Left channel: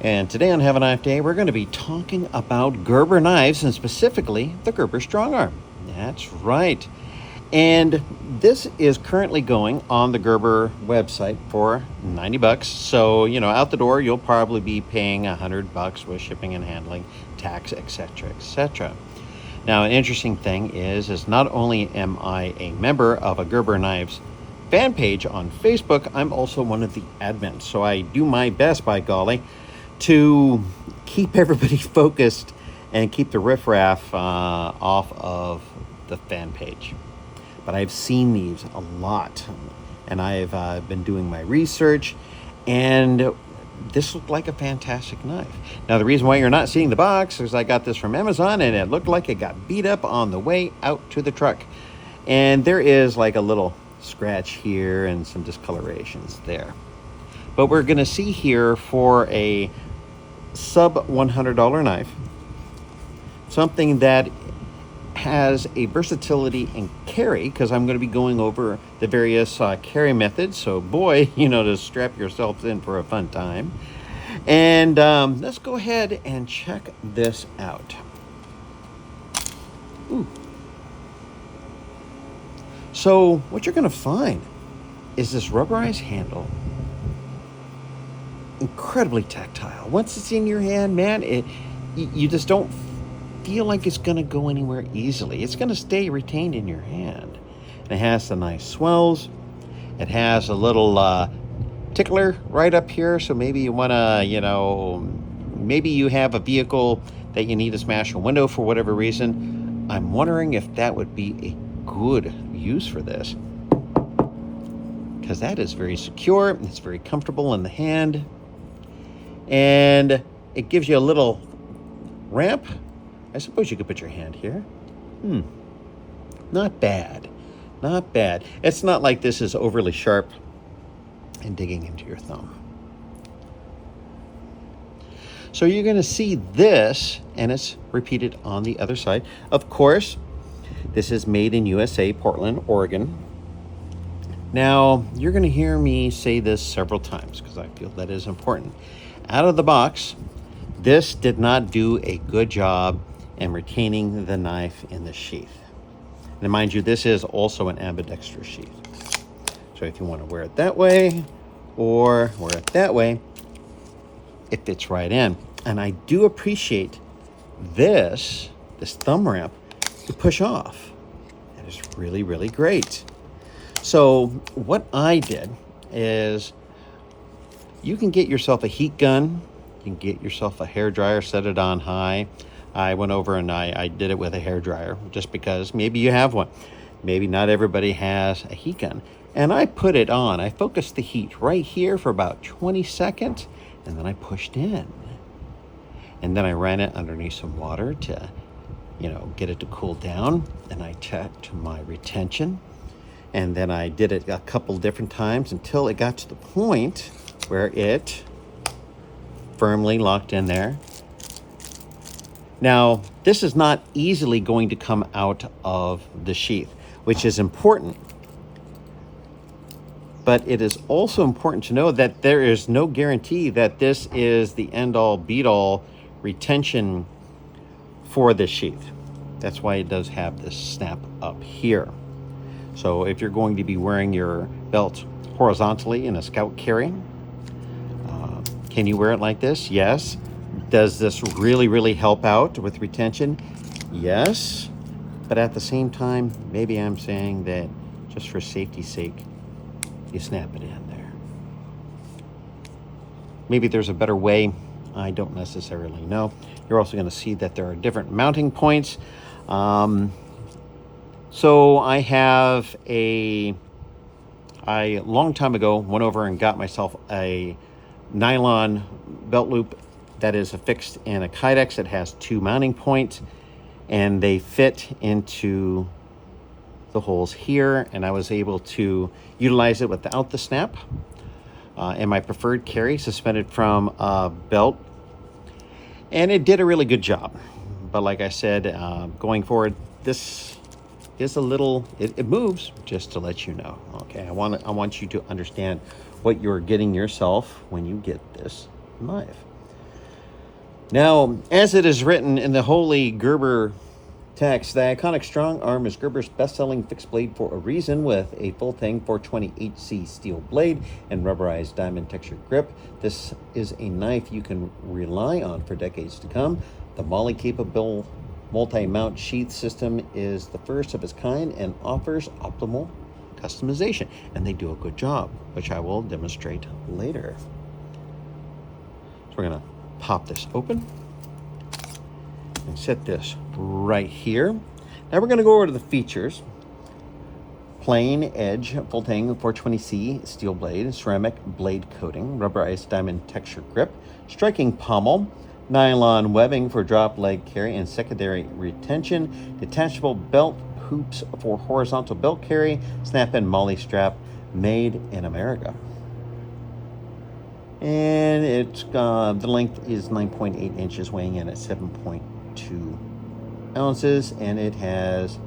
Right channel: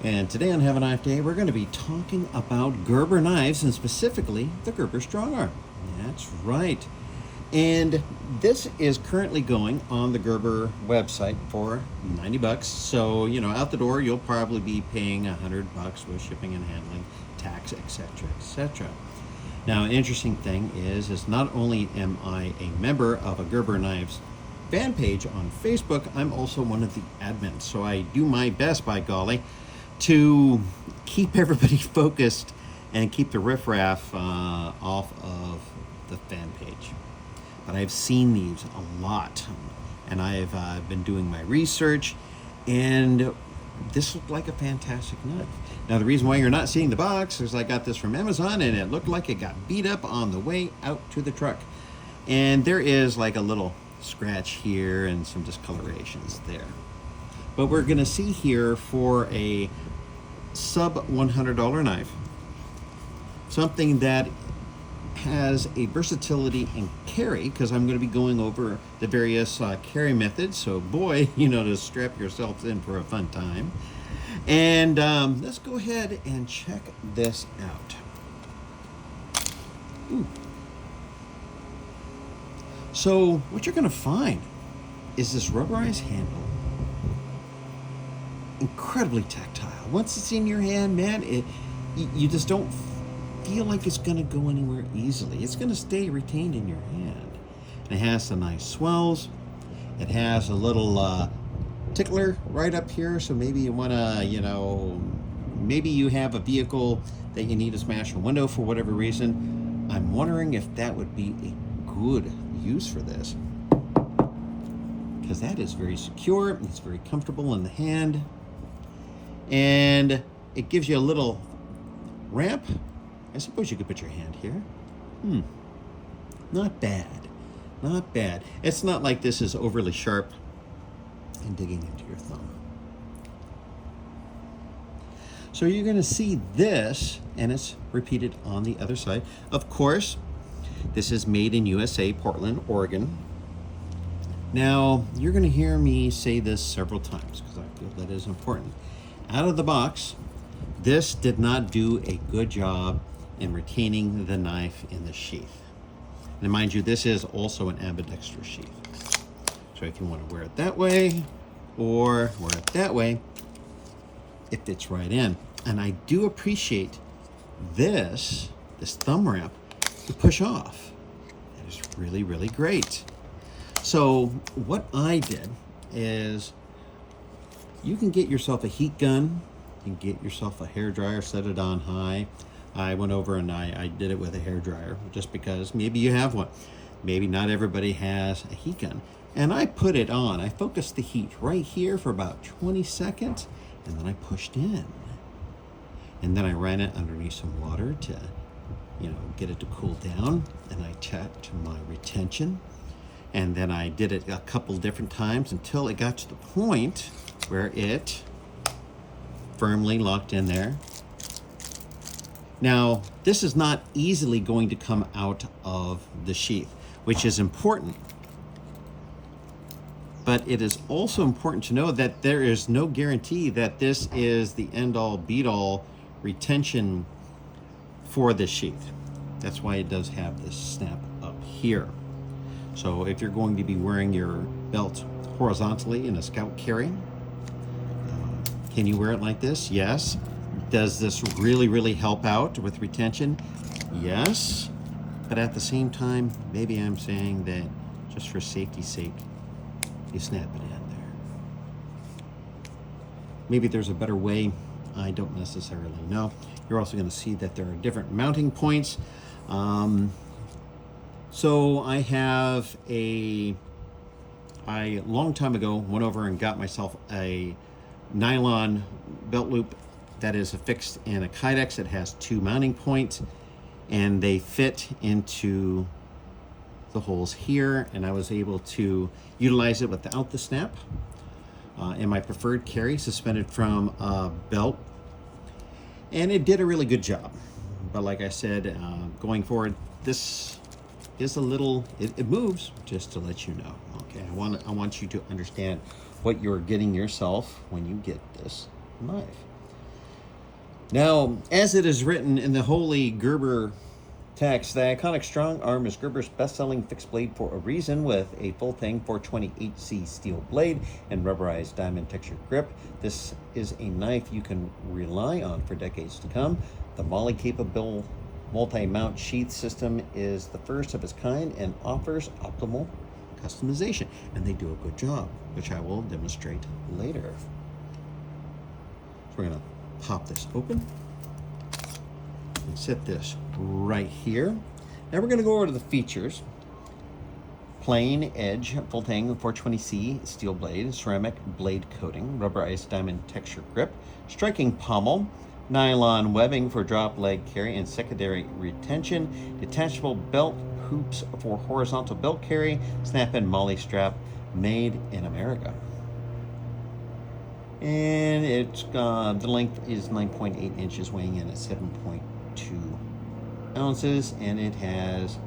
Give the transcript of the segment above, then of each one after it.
And today on Have a Knife Day, we're going to be talking about Gerber knives and specifically the Gerber Strongarm. That's right. And this is currently going on the Gerber website for 90 bucks. So, out the door, you'll probably be paying $100 with shipping and handling, tax, etc., etc. Now, an interesting thing is not only am I a member of a Gerber Knives fan page on Facebook, I'm also one of the admins. So I do my best, by golly, to keep everybody focused and keep the riffraff off of the fan page. But I've seen these a lot, and I've been doing my research, and this looked like a fantastic knife. Now, the reason why you're not seeing the box is I got this from Amazon, and it looked like it got beat up on the way out to the truck. And there is like a little scratch here and some discolorations there. But we're going to see here for a sub $100 knife, something that has a versatility in carry, because I'm going to be going over the various carry methods. So boy, to strap yourself in for a fun time. And let's go ahead and check this out. Ooh. So what you're going to find is this rubberized handle, incredibly tactile. Once it's in your hand, man, you just don't feel like it's going to go anywhere easily. It's going to stay retained in your hand. And it has the nice swells. It has a little tickler right up here, so maybe you want to, maybe you have a vehicle that you need to smash a window for whatever reason. I'm wondering if that would be a good use for this, because that is very secure. It's very comfortable in the hand, and it gives you a little ramp. I suppose you could put your hand here. Not bad. Not bad. It's not like this is overly sharp and digging into your thumb. So you're going to see this, and it's repeated on the other side. Of course, this is made in USA, Portland, Oregon. Now, you're going to hear me say this several times because I feel that is important. Out of the box, this did not do a good job in retaining the knife in the sheath. And mind you, this is also an ambidextrous sheath. So if you want to wear it that way or wear it that way, it fits right in. And I do appreciate this thumb ramp to push off. That is really, really great. So what I did is, you can get yourself a heat gun, you can get yourself a hair dryer, set it on high. I went over and I did it with a hair dryer just because maybe you have one. Maybe not everybody has a heat gun. And I put it on. I focused the heat right here for about 20 seconds, and then I pushed in. And then I ran it underneath some water to, get it to cool down. And I checked my retention. And then I did it a couple different times until it got to the point where it firmly locked in there. Now, this is not easily going to come out of the sheath, which is important. But it is also important to know that there is no guarantee that this is the end-all, be-all retention for this sheath. That's why it does have this snap up here. So if you're going to be wearing your belt horizontally in a scout carry, can you wear it like this? Yes. Does this really, really help out with retention? Yes. But at the same time, maybe I'm saying that just for safety's sake, you snap it in there. Maybe there's a better way. I don't necessarily know. You're also going to see that there are different mounting points. So I have a long time ago went over and got myself a nylon belt loop that is affixed in a Kydex. It has two mounting points, and they fit into the holes here, and I was able to utilize it without the snap. In my preferred carry, suspended from a belt. And it did a really good job. But like I said, going forward, this is a little, it moves, just to let you know. Okay, I want you to understand what you're getting yourself when you get this knife. Now, as it is written in the holy Gerber text, the iconic Strongarm is Gerber's best-selling fixed blade for a reason, with a full tang 420 HC steel blade and rubberized diamond textured grip. This is a knife you can rely on for decades to come. The MOLLE capable multi-mount sheath system is the first of its kind and offers optimal customization, and they do a good job, which I will demonstrate later. So we're gonna pop this open and set this right here. Now we're gonna go over to the features. Plain edge, full tang 420C steel blade, ceramic blade coating, rubberized diamond texture grip, striking pommel, nylon webbing for drop leg carry and secondary retention, detachable belt hoops for horizontal belt carry, snap-in MOLLE strap, made in America. And it's the length is 9.8 inches, weighing in at 7.2 ounces, and it has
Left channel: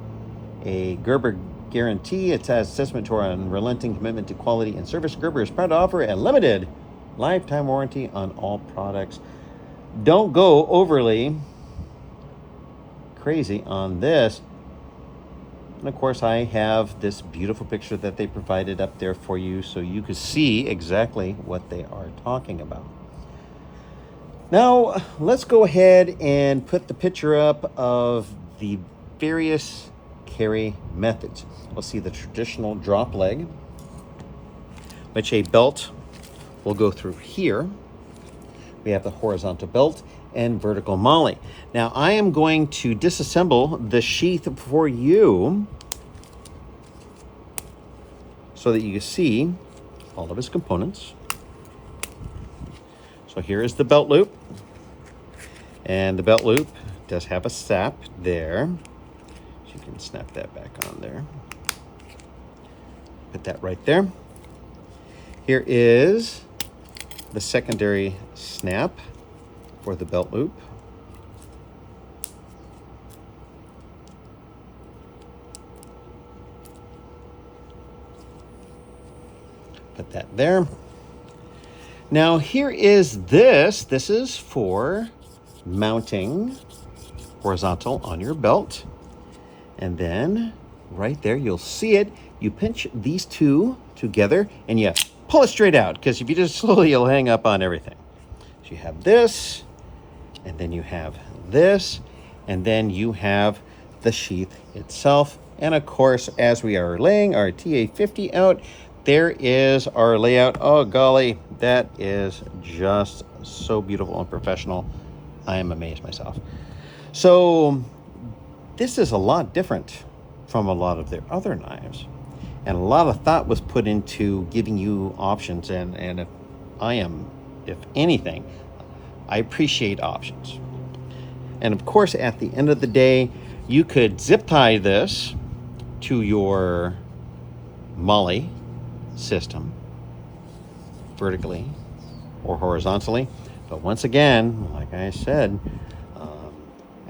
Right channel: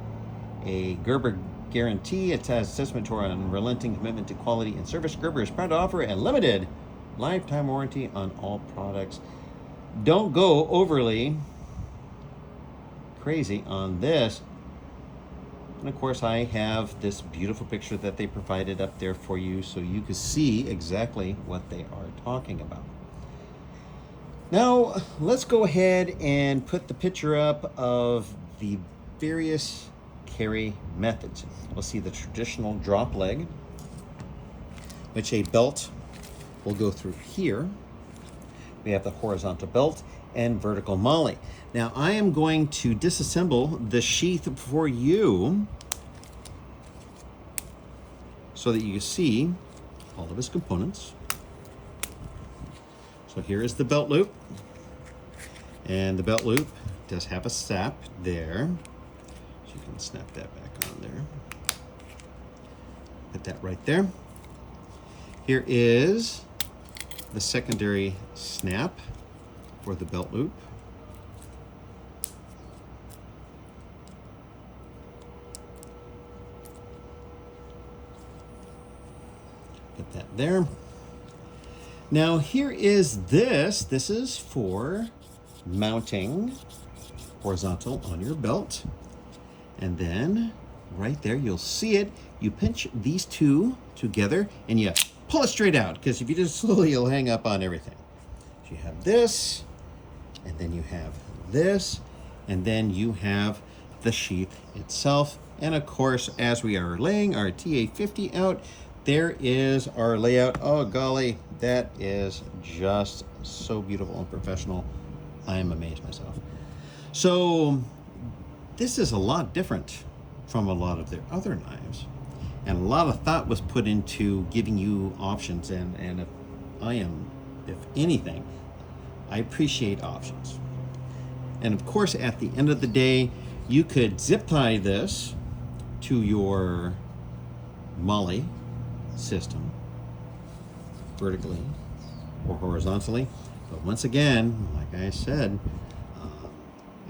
a Gerber guarantee. It has testament to our unrelenting commitment to quality and service. Gerber is proud to offer a limited lifetime warranty on all products. Don't go overly crazy on this. And of course, I have this beautiful picture that they provided up there for you so you could see exactly what they are talking about. Now, let's go ahead and put the picture up of the various carry methods. We'll see the traditional drop leg, which a belt will go through here. We have the horizontal belt and vertical MOLLE. Now I am going to disassemble the sheath for you so that you can see all of its components. So here is the belt loop, and the belt loop does have a snap there, so you can snap that back on there. Put that right there. Here is the secondary snap for the belt loop. Put that there. Now here is this. This is for mounting horizontal on your belt. And then right there, you'll see it. You pinch these two together and you pull it straight out, because if you just slowly, you'll hang up on everything. So you have this, and then you have this, and then you have the sheath itself. And of course, as we are laying our TA50 out, there is our layout. Oh golly, that is just so beautiful and professional. I am amazed myself. So this is a lot different from a lot of their other knives. And a lot of thought was put into giving you options. And if anything, I appreciate options. And of course, at the end of the day, you could zip tie this to your MOLLE system, vertically or horizontally. But once again, like I said,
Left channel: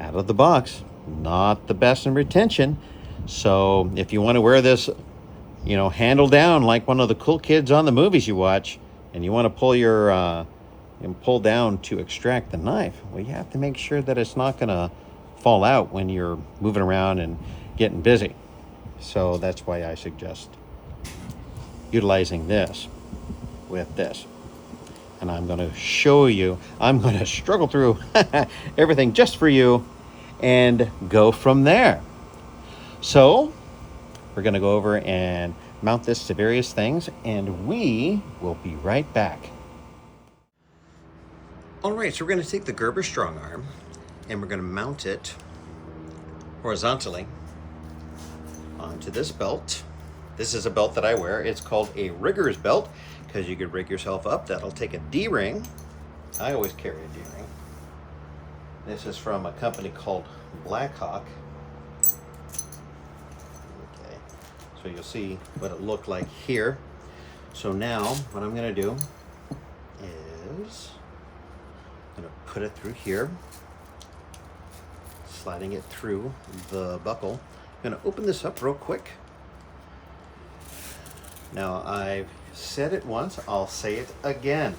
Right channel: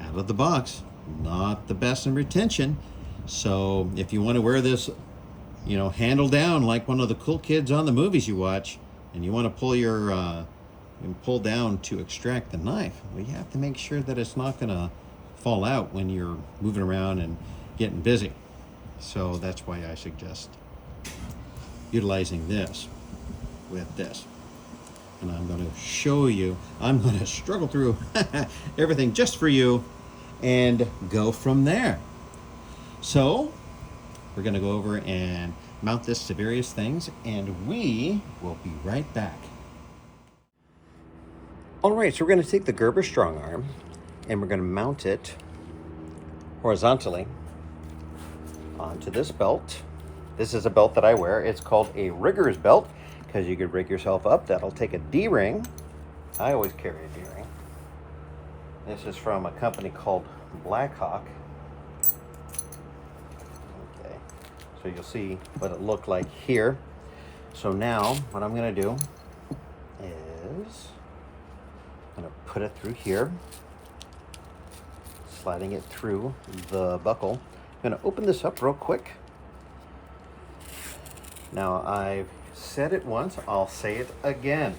out of the box, not the best in retention. So if you want to wear this, you know, handle down like one of the cool kids on the movies you watch, and you want to pull your and pull down to extract the knife, well, you have to make sure that it's not going to fall out when you're moving around and getting busy. So that's why I suggest utilizing this with this. And I'm going to show you, I'm going to struggle through everything just for you and go from there. So we're going to go over and mount this to various things, and we will be right back. All right, so we're going to take the Gerber Strongarm and we're going to mount it horizontally onto this belt. This is a belt that I wear. It's called a rigger's belt because you could rig yourself up. That'll take a D-ring. I always carry a D-ring. This is from a company called Blackhawk. Okay, so you'll see what it looked like here. So now what I'm going to do is I'm going to put it through here, sliding it through the buckle. I'm going to open this up real quick. Now, I've said it once, I'll say it again.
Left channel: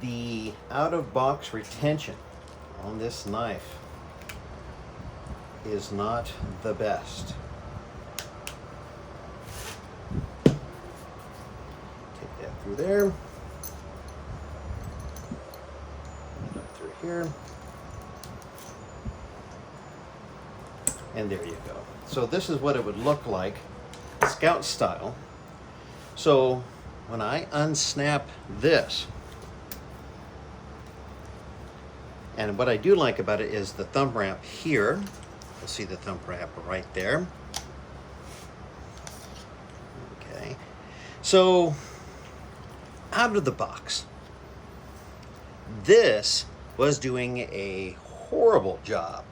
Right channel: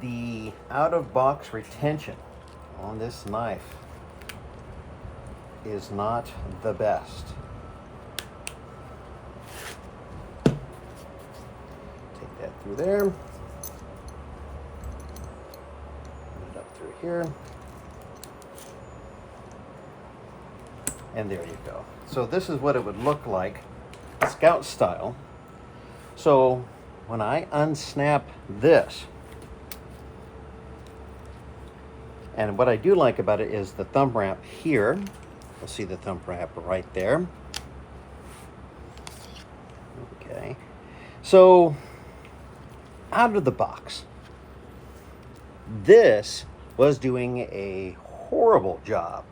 The out-of-box retention on this knife is not the best. Take that through there. Up through here. And there you go. So this is what it would look like, Scout style. So when I unsnap this, and what I do like about it is the thumb ramp here. You'll see the thumb ramp right there. Okay. So out of the box, this was doing a horrible job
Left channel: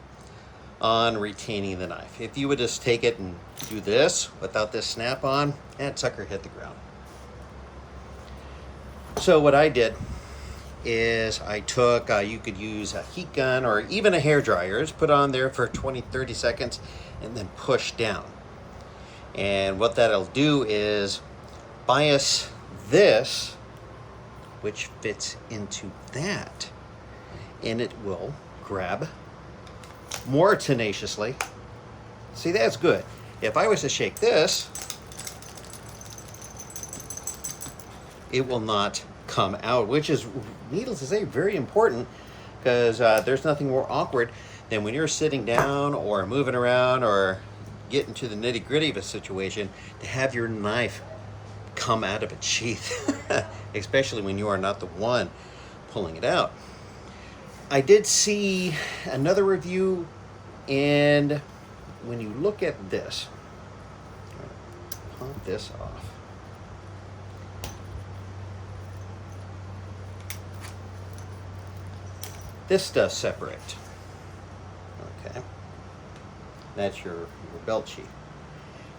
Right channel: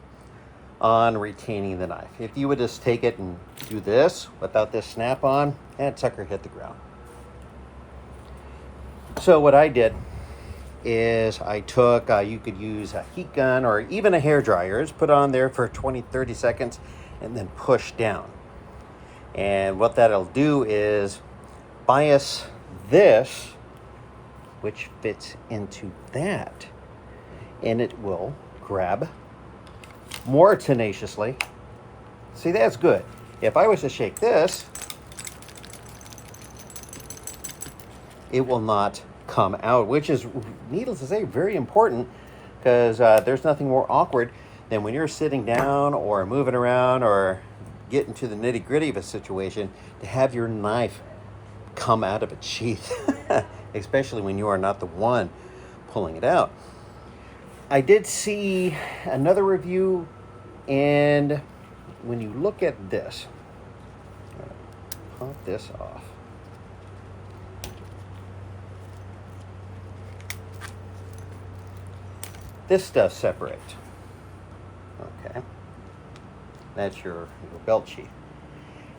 on retaining the knife. If you would just take it and do this without this snap on, that sucker hit the ground. So what I did is I took, you could use a heat gun or even a hair dryer, just put on there for 20-30 seconds and then push down. And what that'll do is bias this, which fits into that, and it will grab more tenaciously. See, that's good. If I was to shake this, it will not come out, which is, needless to say, very important, because there's nothing more awkward than when you're sitting down or moving around or getting to the nitty-gritty of a situation to have your knife come out of its sheath, especially when you are not the one pulling it out. I did see another review, and when you look at this, pop this off. This does separate. Okay. That's your belt sheath.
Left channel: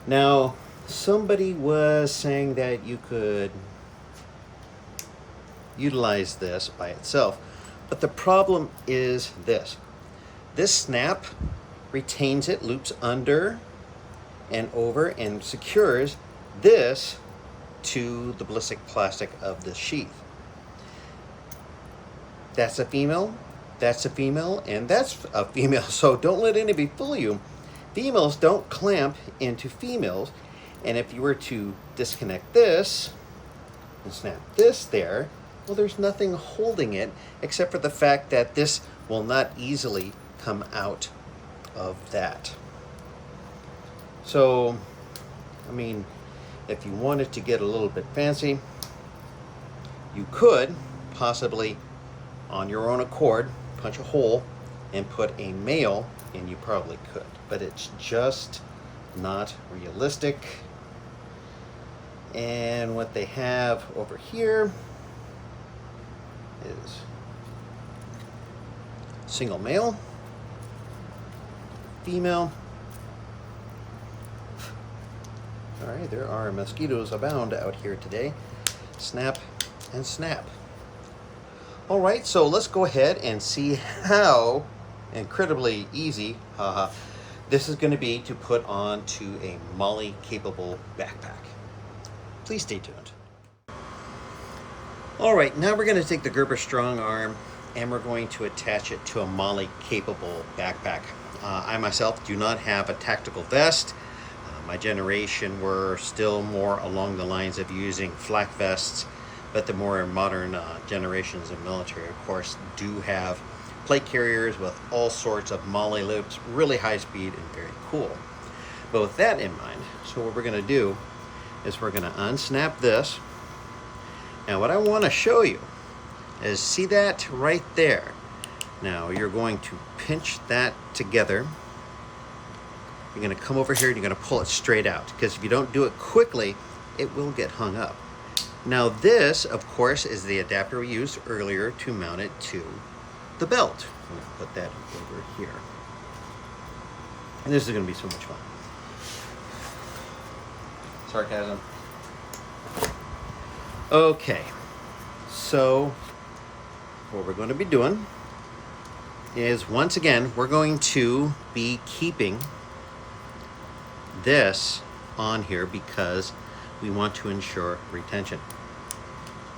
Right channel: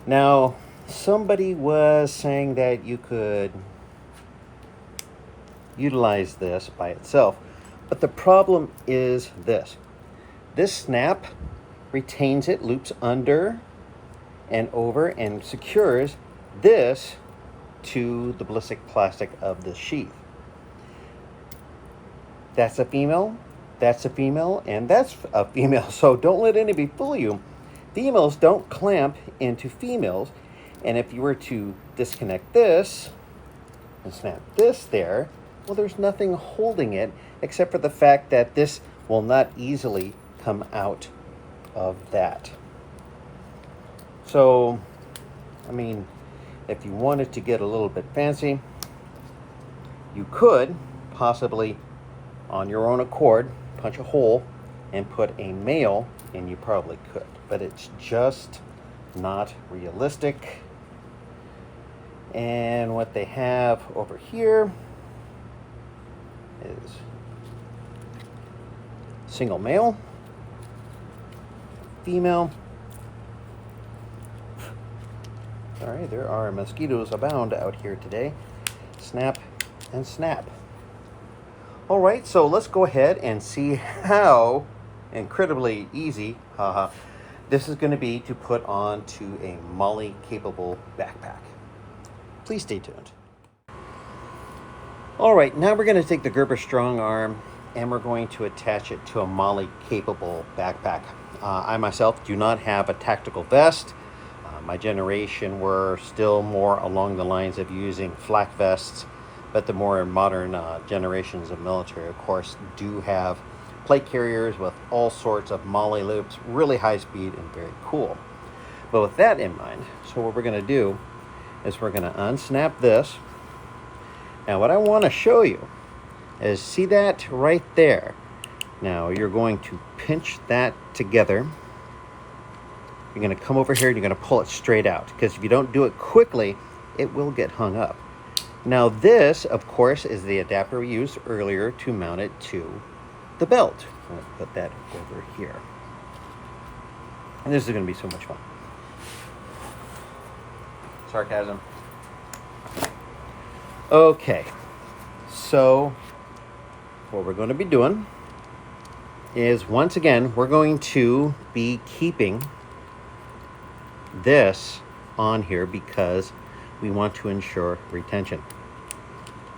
Now, somebody was saying that you could utilize this by itself, but the problem is this. This snap retains it, loops under and over, and secures this to the ballistic plastic of the sheath. That's a female. That's a female, and that's a female, so don't let anybody fool you. Females don't clamp into females, and if you were to disconnect this and snap this there, well, there's nothing holding it except for the fact that this will not easily come out of that. So, I mean, if you wanted to get a little bit fancy, you could possibly, on your own accord, punch a hole and put a male, and you probably could, but it's just not realistic. And what they have over here is single male, female. All right, there are mosquitoes abound out here today. Snap and snap. All right, so let's go ahead and see how incredibly easy this is going to be to put onto a MOLLE capable backpack. Please stay tuned. All right, now we're going to take the Gerber Strongarm and we're going to attach it to a MOLLE capable backpack. I myself do not have a tactical vest. My generation were still more along the lines of using flak vests, but the more modern generations of military, of course, do have plate carriers with all sorts of MOLLE loops, really high speed and very cool. But with that in mind, so what we're going to do is we're going to unsnap this. And what I want to show you is, see that right there? Now you're going to pinch that together. You're going to come over here and you're going to pull it straight out, because if you don't do it quickly, it will get hung up. Now this, of course, is the adapter we used earlier to mount it to the belt. I'm going to put that over here. And this is going to be so much fun. Sarcasm. Okay, so what we're going to be doing is, once again, we're going to be keeping this on here because we want to ensure retention.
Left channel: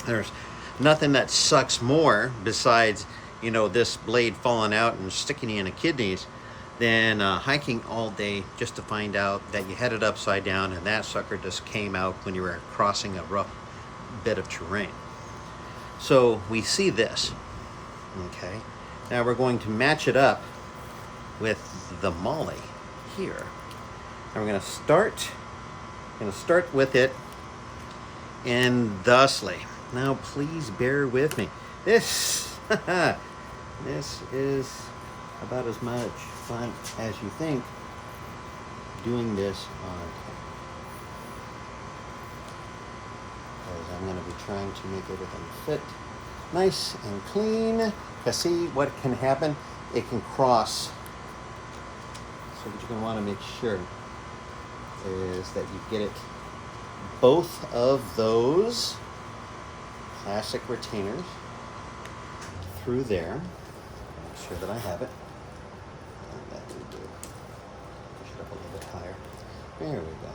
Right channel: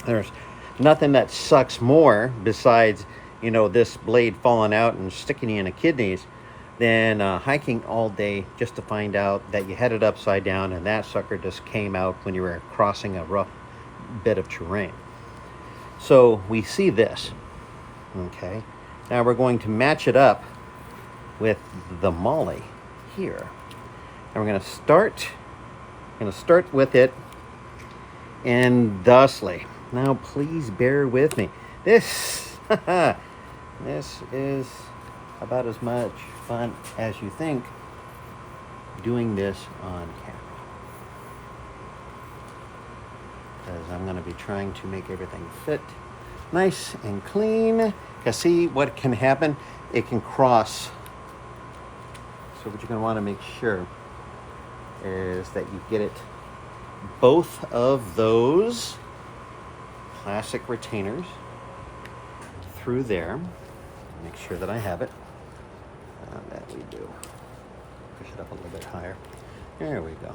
There's nothing that sucks more besides, you know, this blade falling out and sticking you in the kidneys than hiking all day just to find out that you had it upside down and that sucker just came out when you were crossing a rough bit of terrain. So we see this, okay? Now we're going to match it up with the MOLLE here. And we're going to start with it and thusly. Now please bear with me. This this is about as much fun as you think doing this on camera. Because I'm going to be trying to make everything fit nice and clean. Because see what can happen? It can cross. So what you're going to want to make sure is that you get it both of those plastic retainers through there. Make sure that I have it. That we do. Push it up a little bit higher. There we go.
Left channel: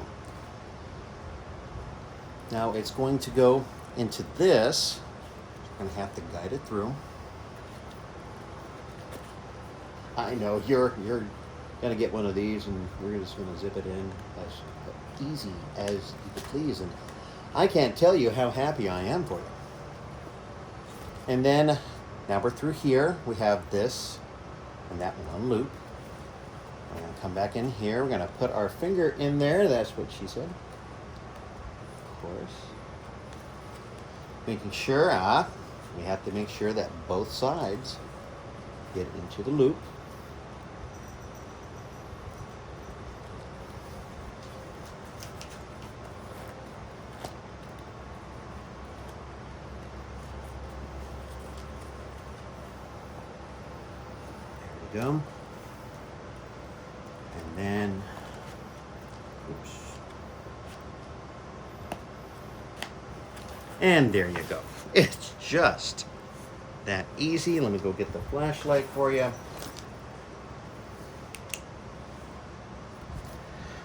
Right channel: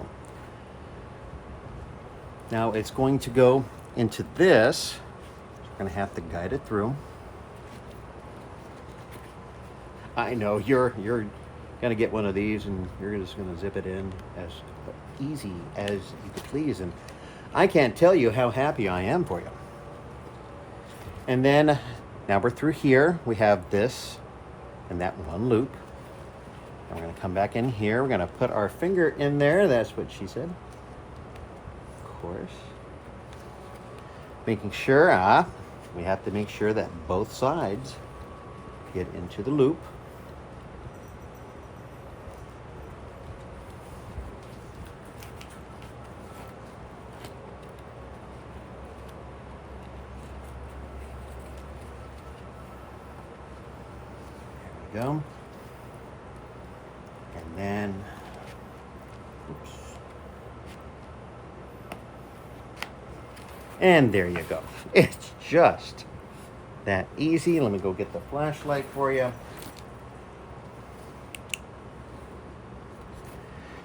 Now it's going to go into this. We're going to have to guide it through. I know you're gonna get one of these and you're just gonna zip it in as easy as you could please, and I can't tell you how happy I am for you. And then now we're through here. We have this and that one loop. We're gonna come back in here. We're gonna put our finger in there. That's what she said. Of course. Making sure we have to make sure that both sides get into the loop. Go. And then, oops. And there you go. It's just that easy. Let me go get the flashlight for you.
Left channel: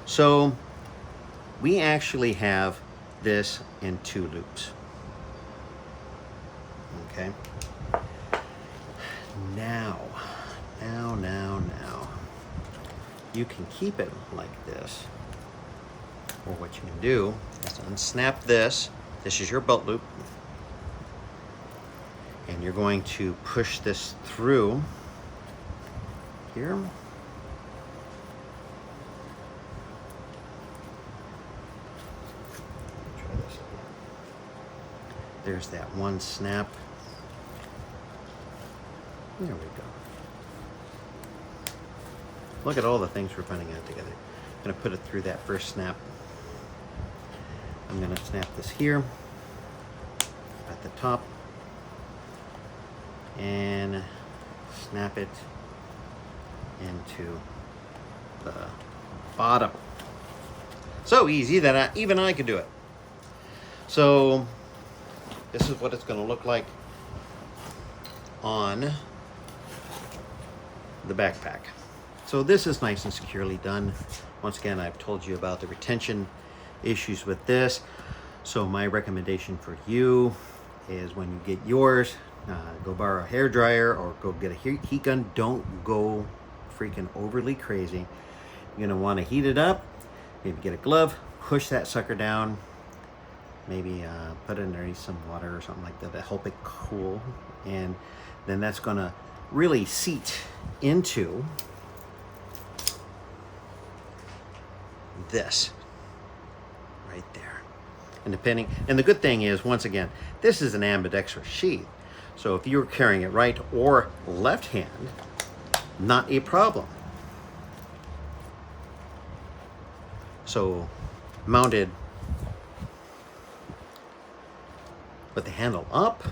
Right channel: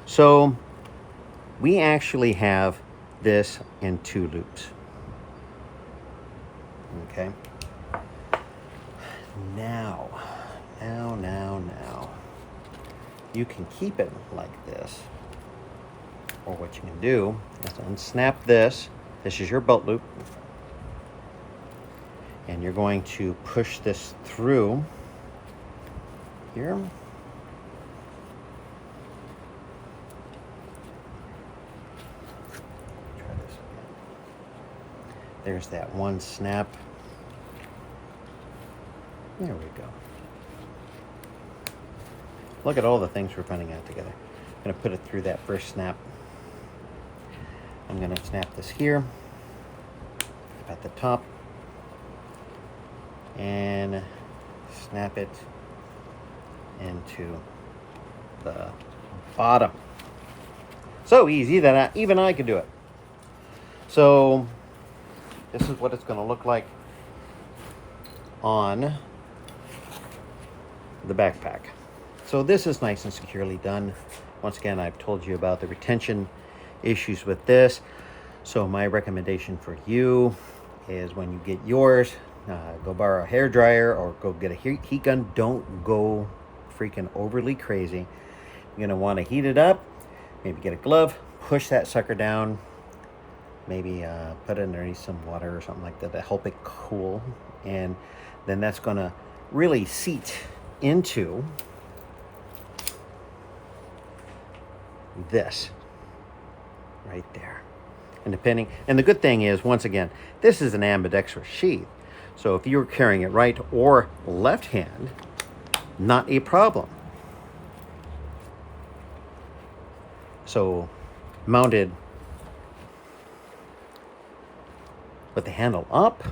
So we actually have this in 2 loops. Okay. Now, you can keep it like this, or what you can do is unsnap this. This is your belt loop, and you're going to push this through here. Try this again. There's that one snap. There we go. Look at all the things we're putting out together. I'm going to put it through that first snap. I'm going to snap this here at the top and snap it into the bottom. So easy that even I could do it. So this is what it's going to look like on the backpack. So this is nice and securely done. Once again, I've told you about the retention issues with this. So my recommendation for you is when you get yours, go borrow a hair dryer or go get a heat gun. Don't go freaking overly crazy. You're gonna want to heat it up, maybe get a glove, push that sucker down, maybe put it underneath some water or something like that to help it cool, and then that's gonna really seat into this right there. And the good thing is, once again, this is an ambidextrous sheath. So if you're carrying it right or left hand, not a problem. So mounted with the handle up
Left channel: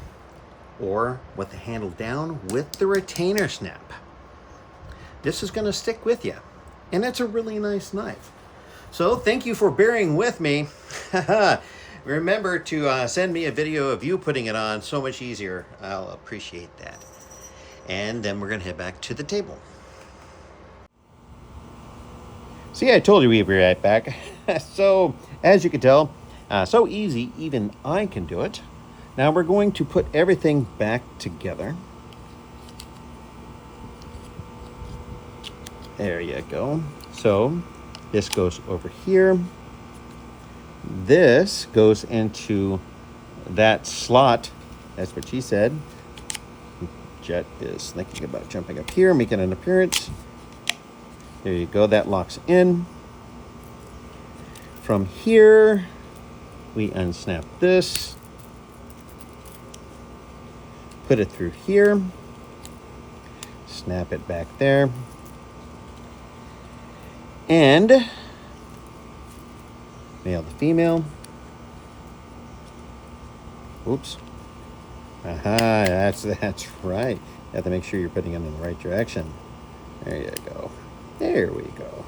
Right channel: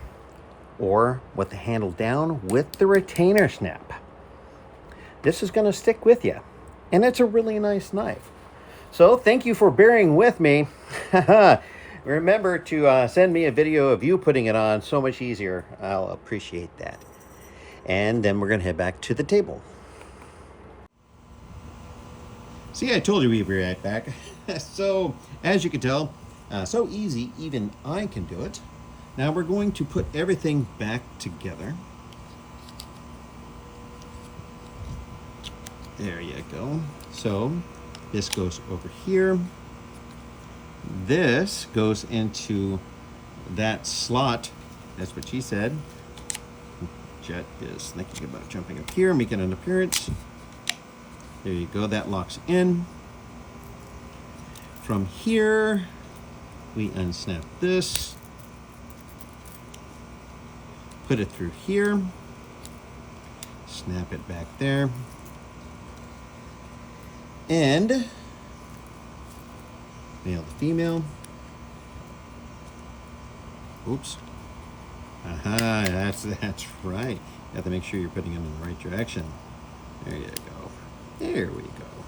or with the handle down with the retainer snap. This is going to stick with you. And it's a really nice knife. So thank you for bearing with me. Remember to send me a video of you putting it on. So much easier. I'll appreciate that. and then we're going to head back to the table. See, I told you we'd be right back. So, as you can tell, so easy, even I can do it. Now we're going to put everything back together. There you go. So, this goes over here. This goes into that slot. That's what she said. Jet is thinking about jumping up here, making an appearance. There you go, that locks in. From here, we unsnap this, put it through here, snap it back there, and male to female. Oops. Aha, that's right. You have to make sure you're putting it in the right direction. There you go. There we go.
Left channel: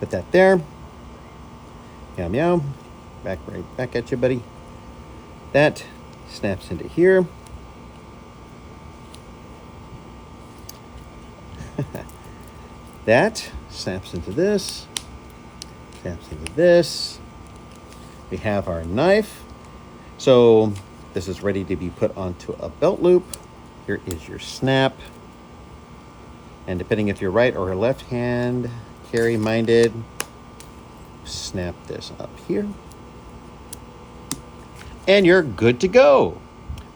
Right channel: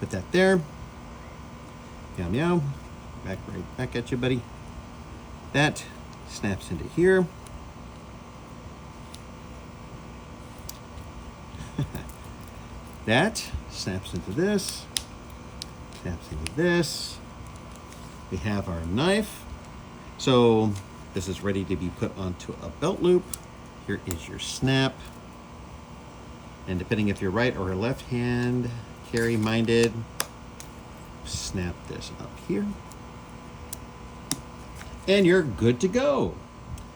Put that there. Meow meow. Right back at you, buddy. That snaps into here. That snaps into this. Snaps into this. We have our knife. So this is ready to be put onto a belt loop. Here is your snap. And depending if you're right or left hand carry minded, snap this up here. And you're good to go.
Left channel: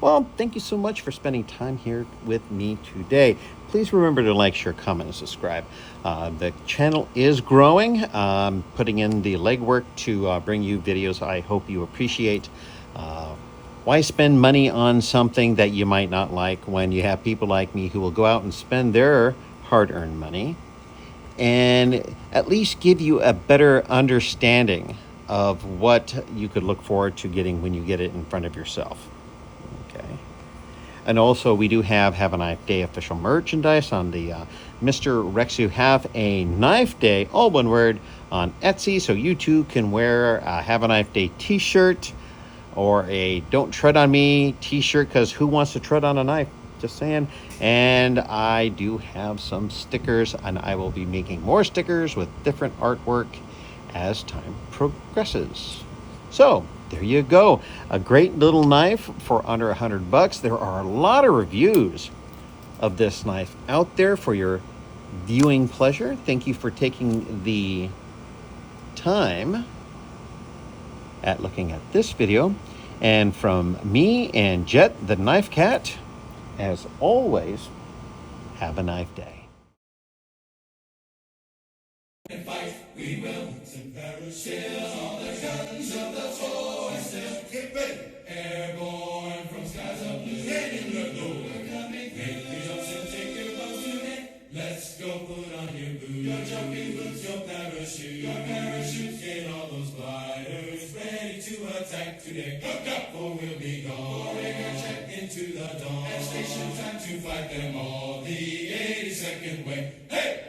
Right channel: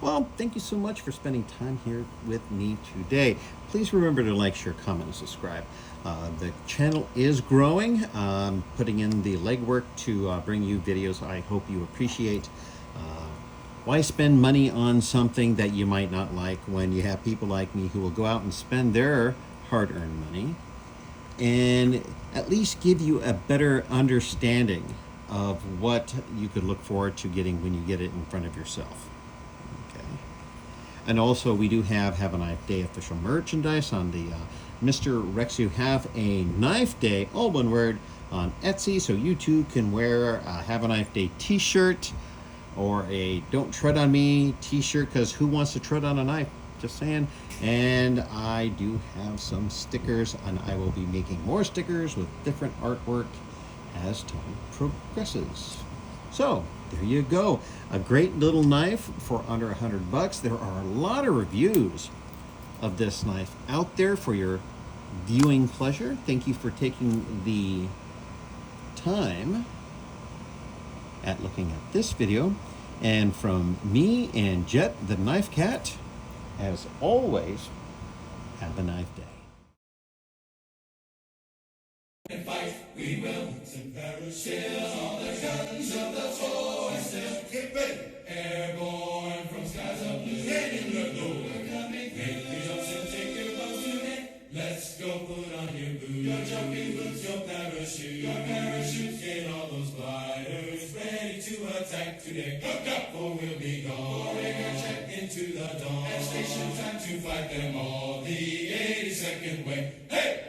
Well, thank you so much for spending time here with me today. Please remember to like, share, comment, and subscribe. The channel is growing. Putting in the legwork to bring you videos I hope you appreciate. Why spend money on something that you might not like when you have people like me who will go out and spend their hard-earned money and at least give you a better understanding of what you could look forward to getting when you get it in front of yourself. Okay. And also, we do have a Knife Day official merchandise on the Mr. Rex. You have a Knife Day, all one word, on Etsy, so you too can wear a Have a Knife Day t-shirt or a Don't Tread on Me t-shirt, because who wants to tread on a knife? Just saying. And I do have some stickers, and I will be making more stickers with different artwork as time progresses. So there you go, a great little knife for under $100. There are a lot of reviews of this knife out there for your viewing pleasure. Thank you for taking the time at looking at this video. And from me and Jet the Knife Cat, as always, have a knife day. And fight, we will. Some parachutes, all the guns of the forces. Get ready. Airborne from skies of blue. Get in the door. We're coming. Make the jumps and take your bows today. Let's go put on your boots. Your jumping boots, your parachute. Your parachutes, get all those gliders ready to attack today. Hook up or we'll be gone. Pouring our jet into the dawn. At station time to fight them all. The 82nd way. Hey!